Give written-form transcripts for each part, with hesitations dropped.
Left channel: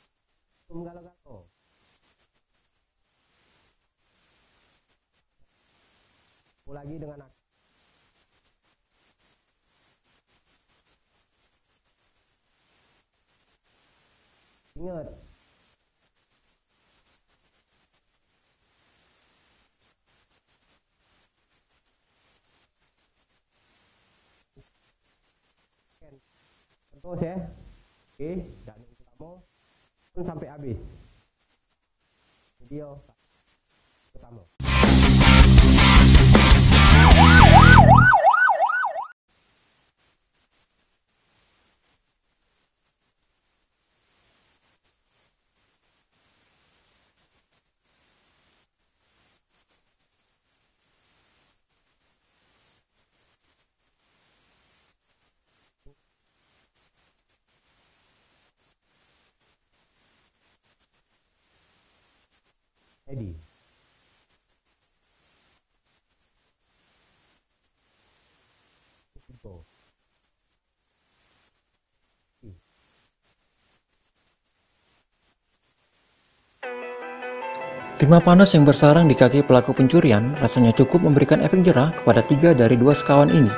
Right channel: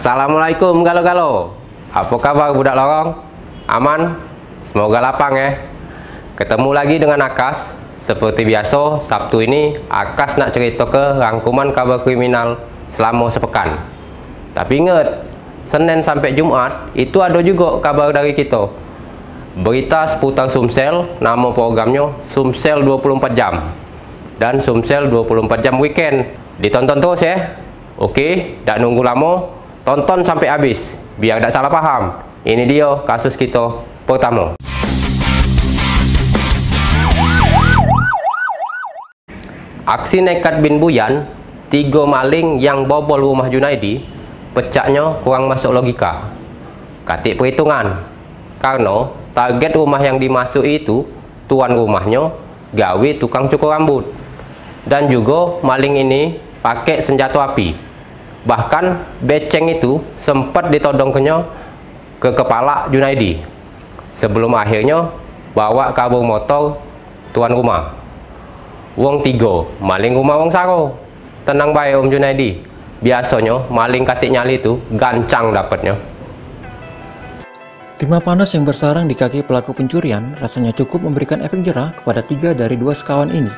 Assalamualaikum galo-galo. Apa kabar budak lorong? Aman? Semoga lapang ya. Ketemu lagi dengan Akas. Seperti biasa, Sabtu ini Akas nak cerita ke rangkuman kabar kriminal selama sepekan. Tapi ingat, Senin sampai Jumat itu ada juga kabar dari kita. Berita seputar Sumsel, nama programnya Sumsel 24 jam. Dan Sumsel 24 jam weekend. Ditonton terus ya. Oke, tak nunggu lama. Tonton sampai habis, biar tak salah paham. Ini dia kasus kita pertama. Aksi nekat bin Buyan, 3 maling yang bobol rumah Junaidi, pecahnya kurang masuk logika. Katik perhitungan, karena target rumah yang dimasuki itu, tuan rumahnya gawe tukang cukur rambut. Dan juga maling ini pakai senjata api. Bahkan beceng itu sempat ditodongkannya ke kepala Junaidi sebelum akhirnya bawa kabur motor tuan rumah. Wong 3 maling rumah wong saro. Tenang baik Om Junaidi, biasanya maling katik nyali itu gancang dapatnya. Timah panas yang bersarang di kaki pelaku pencurian rasanya cukup memberikan efek jerah kepada 3 dari 2 sekawan ini.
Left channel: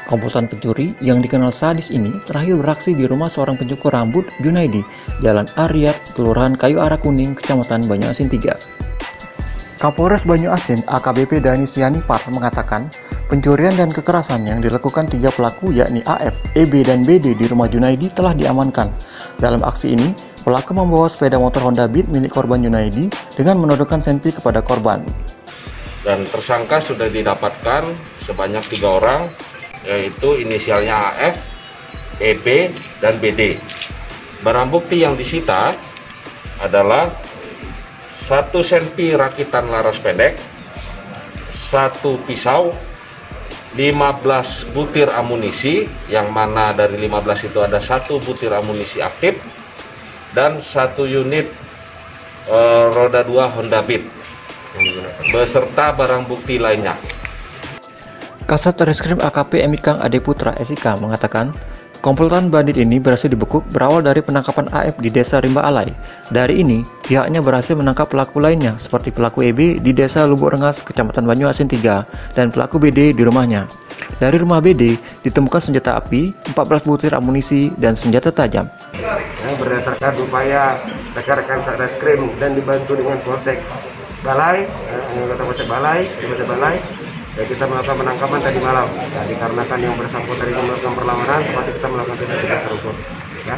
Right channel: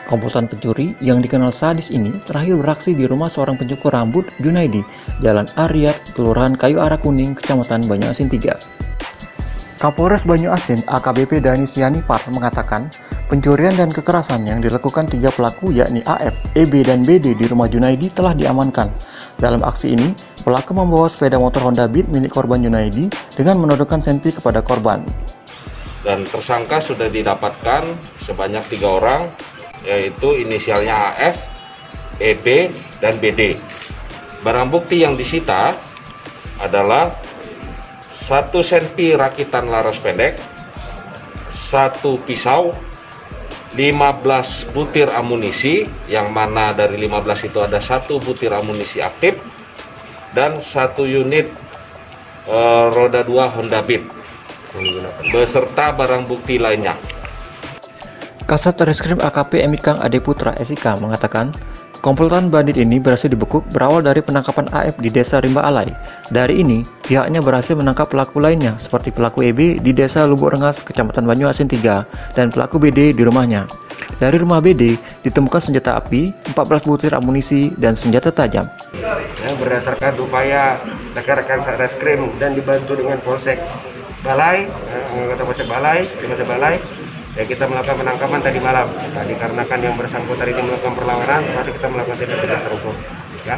Komplotan pencuri yang dikenal sadis ini terakhir beraksi di rumah seorang pencukur rambut Junaidi, Jalan Aryat, Kelurahan Kayu Arah Kuning, Kecamatan Banyuasin 3. Kapolres Banyuasin AKBP Dani Sianipar mengatakan pencurian dan kekerasan yang dilakukan 3 pelaku yakni AF, EB, dan BD di rumah Junaidi telah diamankan. Dalam aksi ini, pelaku membawa sepeda motor Honda Beat milik korban Junaidi dengan menodongkan senpi kepada korban. Dan tersangka sudah didapatkan sebanyak 3 orang, yaitu inisialnya AF, EB, dan BD. Barang bukti yang disita adalah 1 senpi rakitan laras pendek, 1 pisau, 15 butir amunisi, yang mana dari 15 itu ada 1 butir amunisi aktif, dan 1 unit roda 2 Honda Beat, beserta barang bukti lainnya. Kasat Reskrim AKP Emikang Ade Putra SIK mengatakan, komplotan bandit ini berhasil dibekuk berawal dari penangkapan AF di Desa Rimba Alai. Dari ini, pihaknya berhasil menangkap pelaku lainnya seperti pelaku EB di Desa Lubuk Rengas, Kecamatan Banyuasin 3, dan pelaku BD di rumahnya. Dari rumah BD ditemukan senjata api, 14 butir amunisi, dan senjata tajam. Berdasarkan upaya rekan-rekan Satreskrim dan dibantu dengan Polsek Balai, ya kita melakukan penangkapan tadi malam. Nah, dikarenakan yang bersangkutan itu melakukan perlawanan, termasuk kita melakukan tindak terukur. Ya.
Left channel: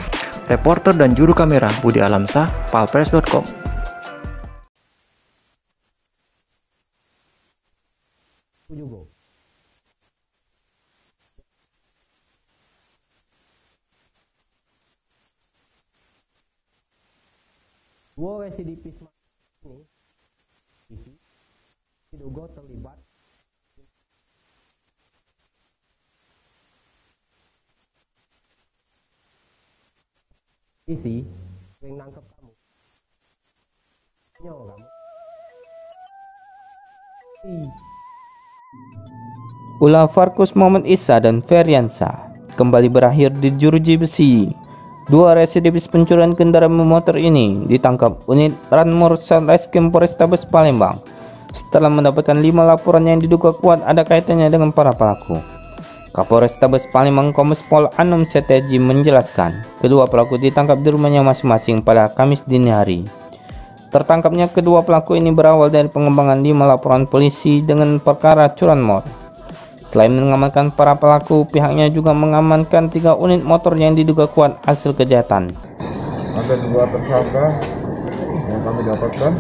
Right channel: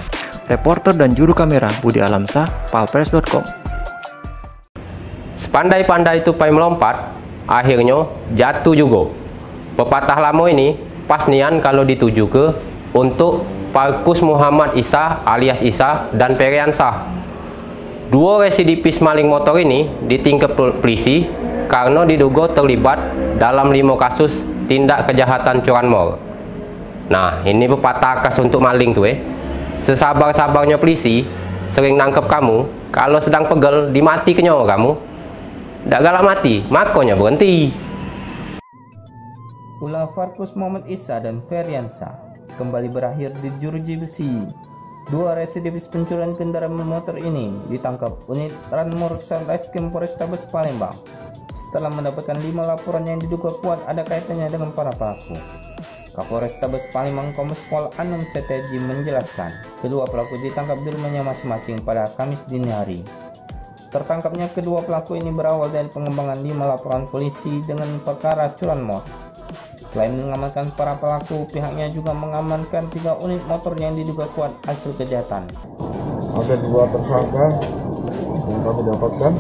Reporter dan juru kamera Budi Alamsah, palpres.com. Sepandai-pandai tupai melompat, akhirnya jatuh juga. Pepatah lama ini pas nian kalau dituju ke untuk Parkus Muhammad Isa alias Isa dan Periansah. 2 residivis maling motor ini ditingkap polisi karena diduga terlibat dalam 5 kasus tindak kejahatan curanmor. Nah, ini pepatah khas untuk maling tuh Sesabar-sabarnya polisi sering nangkep kamu, kalau sedang pegel dimati kenyo kamu. Ndak galak mati, makanya berhenti. Ulah Parkus Muhammad Isa dan Feriansa kembali berakhir di jeruji besi. 2 residivis pencurian kendaraan bermotor ini ditangkap unit Ranmor Satreskrim Polrestabes Palembang setelah mendapatkan 5 laporan yang diduga kuat ada kaitannya dengan para pelaku. Kapolrestabes Palembang Kombes Pol Anum Setiaji menjelaskan, kedua pelaku ditangkap di rumahnya masing-masing pada Kamis dini hari. Tertangkapnya kedua pelaku ini berawal dari pengembangan 5 laporan polisi dengan perkara curanmor. Selain mengamankan para pelaku, pihaknya juga mengamankan 3 unit motor yang diduga kuat hasil kejahatan. Ada 2 tersangka yang kami dapatkan,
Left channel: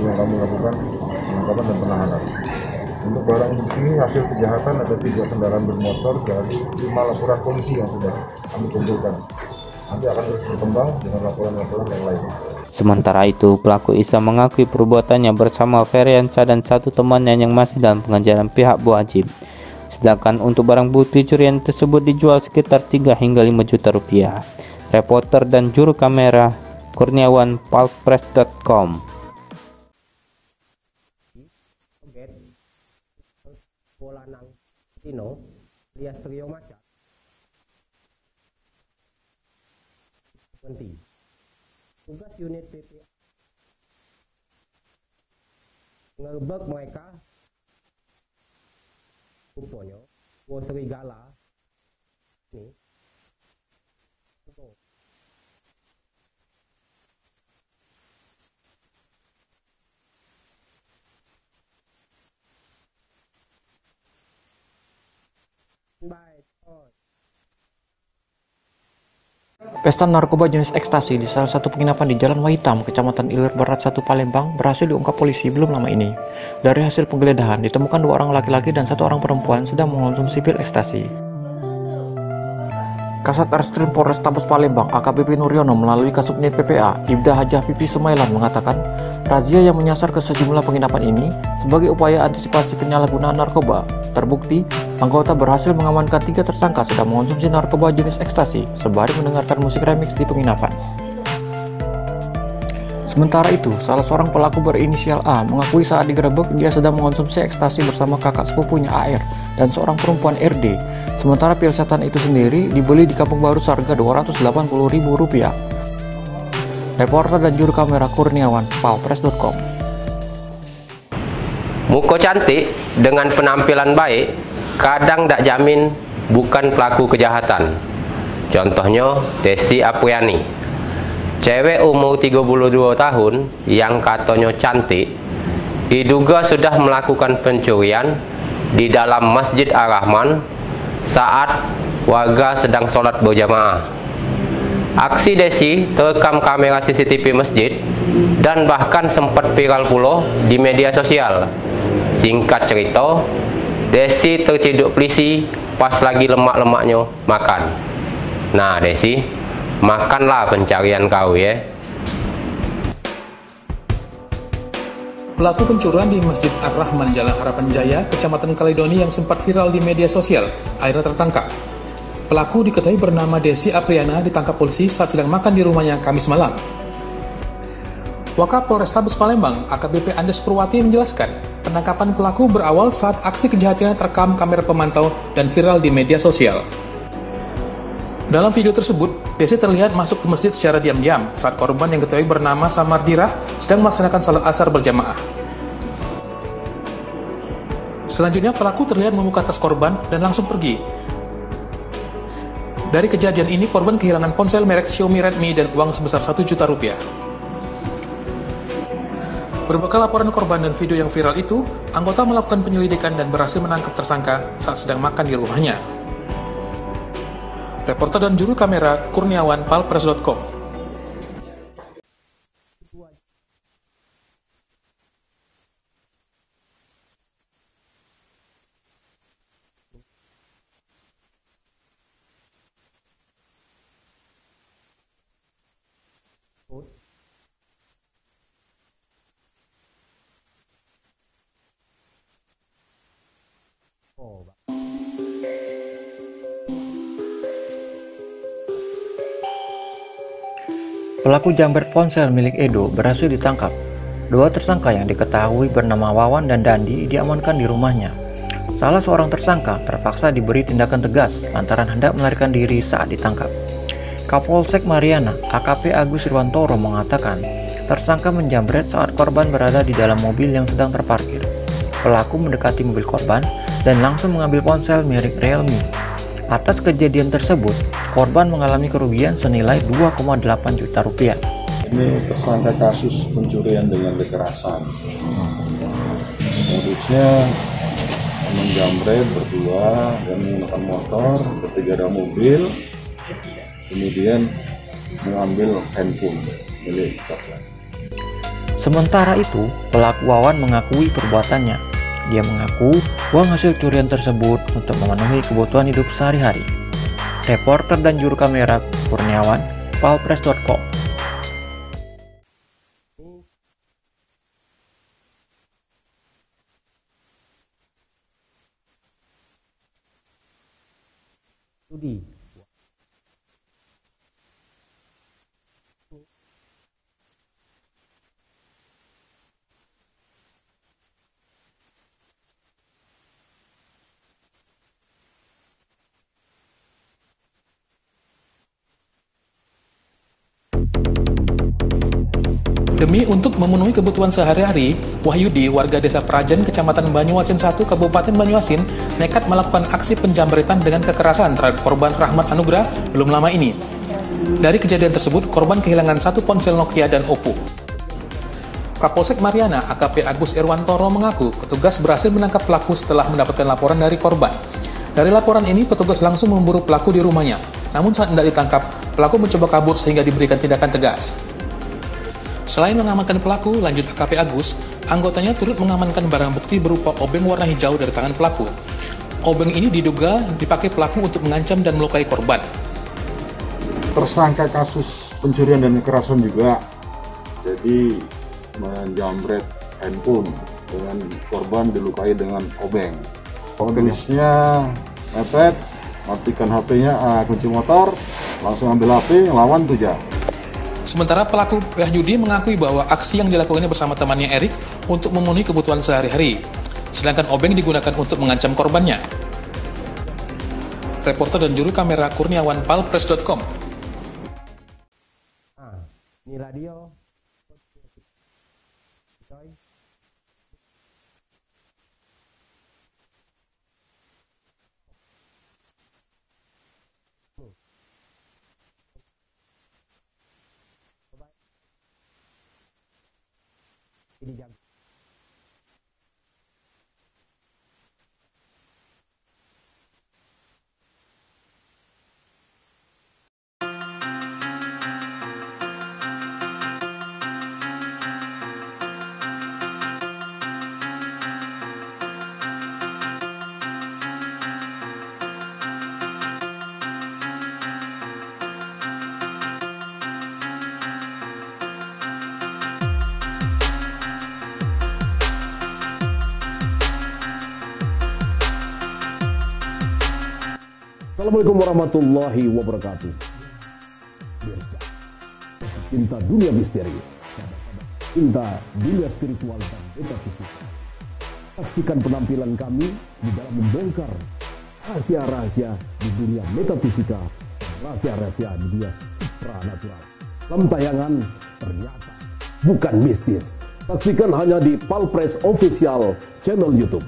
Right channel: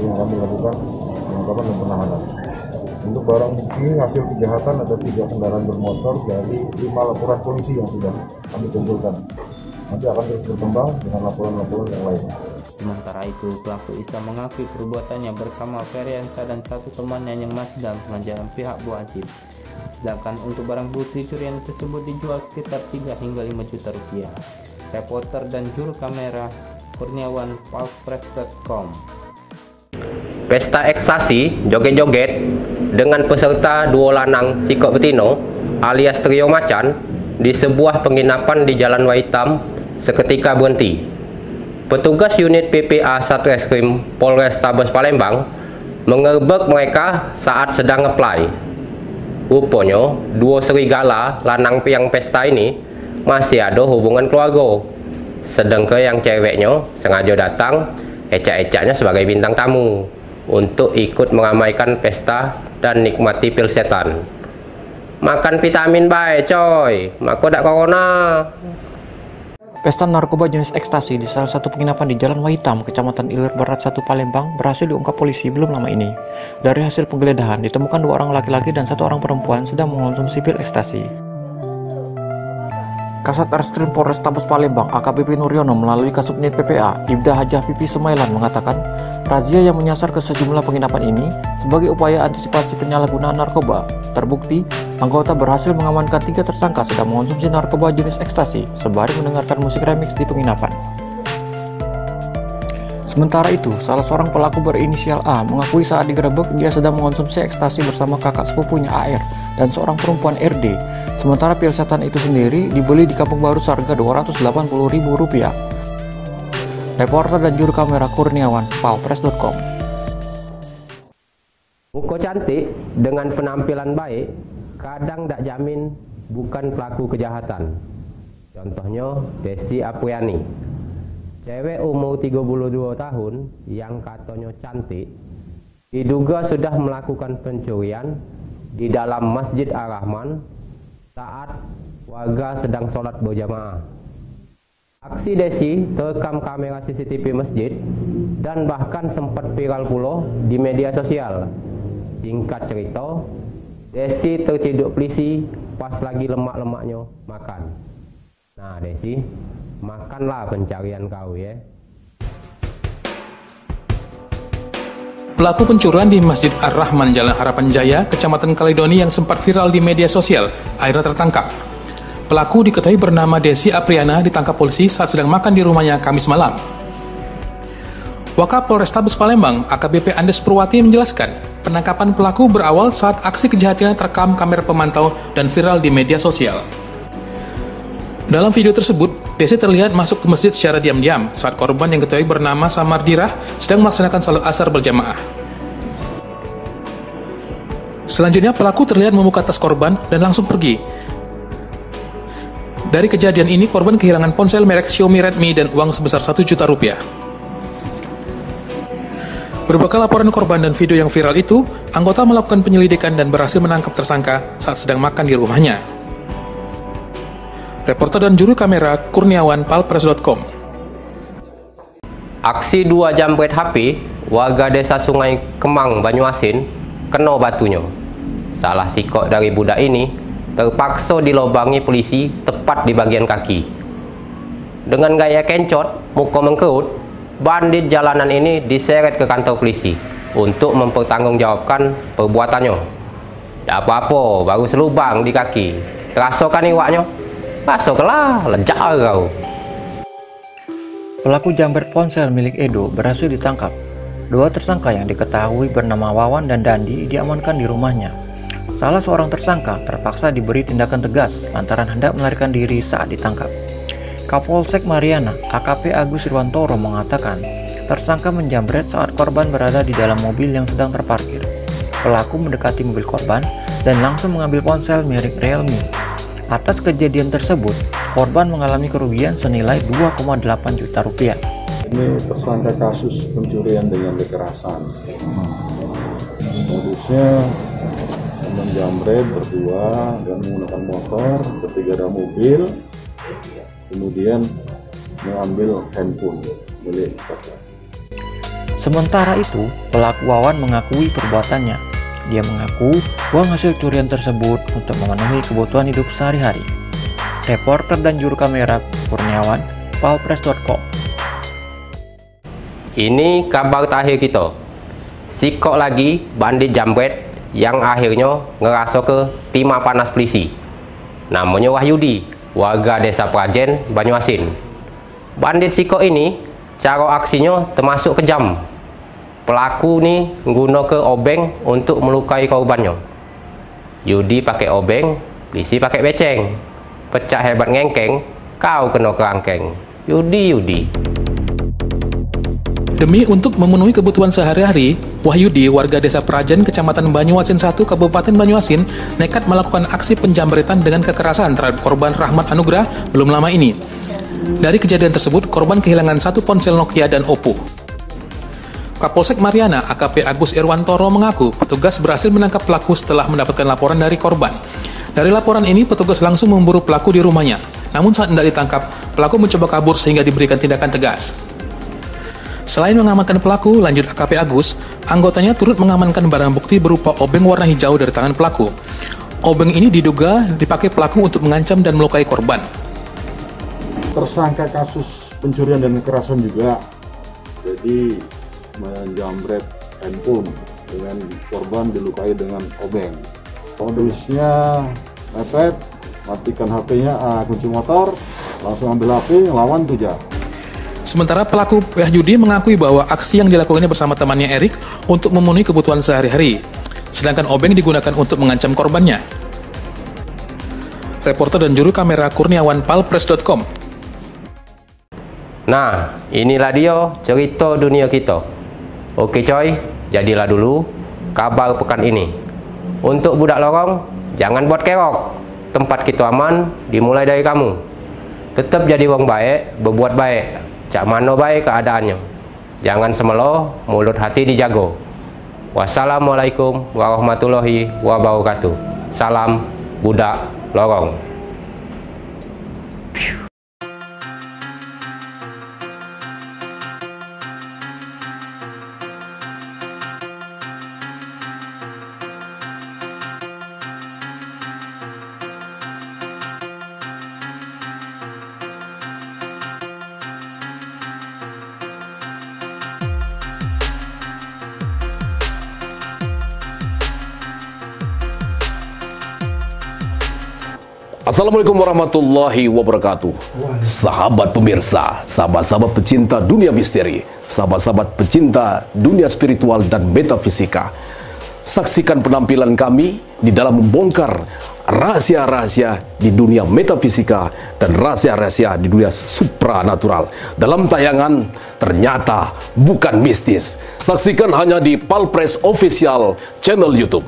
yang kami lakukan penangkapan dan penahanan. Untuk barang bukti hasil kejahatan ada 3 kendaraan bermotor dari 5 laporan polisi yang sudah kami kumpulkan. Nanti akan terus berkembang dengan laporan-laporan yang lain. Sementara itu, pelaku Isa mengakui perbuatannya bersama Feriansa dan 1 temannya yang masih dalam pengejaran pihak berwajib. Sedangkan untuk barang bukti curian tersebut dijual sekitar 3 hingga 5 juta rupiah. Reporter dan juru kamera Kurniawan, palpres.com. Pesta ekstasi joget-joget dengan peserta 2 lanang sikok betino alias trio macan di sebuah penginapan di Jalan Waitam seketika berhenti. petugas unit PPA Satreskrim Polrestabes Palembang mengerebek mereka saat sedang ngeplay. Rupanya, dua serigala lanang yang pesta ini masih ada hubungan keluarga. Sedangkan yang ceweknya sengaja datang, ecak-ecaknya sebagai bintang tamu untuk ikut meramaikan pesta dan nikmati pil setan. Makan vitamin baik coy, maka tak corona. Pesta narkoba jenis ekstasi di salah satu penginapan di Jalan Wahitam, Kecamatan Ilir Barat 1 Palembang berhasil diungkap polisi belum lama ini. Dari hasil penggeledahan ditemukan 2 orang laki-laki dan 1 orang perempuan sedang mengonsumsi pil ekstasi. Kasat Reskrim Polrestabes Palembang AKBP Nuryono melalui Kasubnit PPA Ibda Hajah Pipi Semailan mengatakan razia yang menyasar ke sejumlah penginapan ini sebagai upaya antisipasi penyalahgunaan narkoba. Terbukti, anggota berhasil mengamankan 3 tersangka sedang mengonsumsi narkoba jenis ekstasi sembari mendengarkan musik remix di penginapan. Sementara itu, salah seorang pelaku berinisial A mengakui saat digerebek dia sedang mengonsumsi ekstasi bersama kakak sepupunya AR dan seorang perempuan RD. Sementara pil setan itu sendiri dibeli di Kampung Baru seharga Rp280.000. Reporter dan juru kamera Kurniawan, palpres.com. Muka cantik dengan penampilan baik kadang tak jamin bukan pelaku kejahatan. Contohnya Desi Apriani, cewek umur 32 tahun yang katanya cantik, diduga sudah melakukan pencurian di dalam Masjid Ar-Rahman saat warga sedang sholat berjamaah. Aksi Desi terekam kamera CCTV masjid dan bahkan sempat viral pula di media sosial. Singkat cerita, Desi terciduk polisi pas lagi lemak-lemaknya makan. Nah Desi, makanlah pencarian kau ya. Pelaku pencurian di Masjid Ar-Rahman Jalan Harapan Jaya, Kecamatan Kaledoni yang sempat viral di media sosial, akhirnya tertangkap. Pelaku diketahui bernama Desi Apriana ditangkap polisi saat sedang makan di rumahnya Kamis malam. Wakap Polrestabes Palembang, AKBP Andes Purwati menjelaskan, penangkapan pelaku berawal saat aksi kejahatannya terekam kamera pemantau dan viral di media sosial. Dalam video tersebut, Desi terlihat masuk ke masjid secara diam-diam saat korban yang diketahui bernama Samardirah sedang melaksanakan salat asar berjamaah. Selanjutnya, pelaku terlihat membuka tas korban dan langsung pergi. Dari kejadian ini, korban kehilangan ponsel merek Xiaomi Redmi dan uang sebesar Rp1 juta. Berbekal laporan korban dan video yang viral itu, anggota melakukan penyelidikan dan berhasil menangkap tersangka saat sedang makan di rumahnya. Reporter dan juru kamera Kurniawan, palpres.com. Aksi 2 jambret HP warga desa Sungai Kemang, Banyuasin kena batunya. Salah sikok dari budak ini terpaksa dilobangi polisi tepat di bagian kaki. Dengan gaya kencot, muka mengkerut, bandit jalanan ini diseret ke kantor polisi untuk mempertanggungjawabkan perbuatannya. Tak apa-apa, baru selubang di kaki. Terasa kan iwaknya? Masuklah, lejar kau. Pelaku jambret ponsel milik Edo berhasil ditangkap. 2 tersangka yang diketahui bernama Wawan dan Dandi diamankan di rumahnya. Salah seorang tersangka terpaksa diberi tindakan tegas lantaran hendak melarikan diri saat ditangkap. Kapolsek Mariana, AKP Agus Irwantoro mengatakan, tersangka menjambret saat korban berada di dalam mobil yang sedang terparkir. Pelaku mendekati mobil korban dan langsung mengambil ponsel merek Realme. Atas kejadian tersebut, korban mengalami kerugian senilai Rp2,8 juta. Ini tersangka kasus pencurian dengan kekerasan. Modusnya menjamret berdua dan menggunakan motor, ketiga ada mobil, kemudian mengambil handphone milik korban. Sementara itu, pelaku Wawan mengakui perbuatannya. Dia mengaku uang hasil curian tersebut untuk memenuhi kebutuhan hidup sehari-hari. Reporter dan juru kamera Kurniawan, palpres.com. Ini kabar terakhir kita. Sikok lagi bandit jambret yang akhirnya ngerasa ke timah panas polisi. Namanya Wahyudi, warga desa Prajen, Banyuasin. Bandit sikok ini, cara aksinya termasuk kejam. Pelaku nih guna ke obeng untuk melukai korbannya. Yudi pakai obeng, polisi pakai beceng. Pecah hebat ngengkeng, kau kena kerangkeng. Yudi. Demi untuk memenuhi kebutuhan sehari-hari, Wahyudi, warga desa Prajen, Kecamatan Banyuasin 1, Kabupaten Banyuasin, nekat melakukan aksi penjamretan dengan kekerasan terhadap korban Rahmat Anugrah belum lama ini. Dari kejadian tersebut, korban kehilangan 1 ponsel Nokia dan Oppo. Kapolsek Mariana, AKP Agus Irwantoro mengaku petugas berhasil menangkap pelaku setelah mendapatkan laporan dari korban. Dari laporan ini, petugas langsung memburu pelaku di rumahnya. Namun saat hendak ditangkap, pelaku mencoba kabur sehingga diberikan tindakan tegas. Selain mengamankan pelaku, lanjut AKP Agus, anggotanya turut mengamankan barang bukti berupa obeng warna hijau dari tangan pelaku. Obeng ini diduga dipakai pelaku untuk mengancam dan melukai korban. Tersangka kasus pencurian dan kekerasan juga, jadi menjamret handphone dengan korban dilukai dengan obeng. Kondisinya mepet, matikan HP-nya, kunci motor, langsung ambil HP, lawan tuja. Sementara pelaku Wahyudi mengakui bahwa aksi yang dilakukannya bersama temannya Erik untuk memenuhi kebutuhan sehari-hari, sedangkan obeng digunakan untuk mengancam korbannya. Reporter dan juru kamera Kurniawan, palpres.com. Nah, inilah dia cerita dunia kita. Oke coy, jadilah dulu kabar pekan ini. Untuk budak lorong, jangan buat kerok. Tempat kita aman, dimulai dari kamu. Tetap jadi orang baik, berbuat baik. Cak mana baik keadaannya. Jangan semelo, mulut hati dijago. Wassalamualaikum warahmatullahi wabarakatuh. Salam budak lorong. Assalamualaikum warahmatullahi wabarakatuh. Sahabat pemirsa, sahabat-sahabat pecinta dunia misteri, sahabat-sahabat pecinta dunia spiritual dan metafisika. Saksikan penampilan kami di dalam membongkar rahasia-rahasia di dunia metafisika dan rahasia-rahasia di dunia supranatural dalam tayangan Ternyata Bukan Mistis. Saksikan hanya di Palpres Official channel YouTube.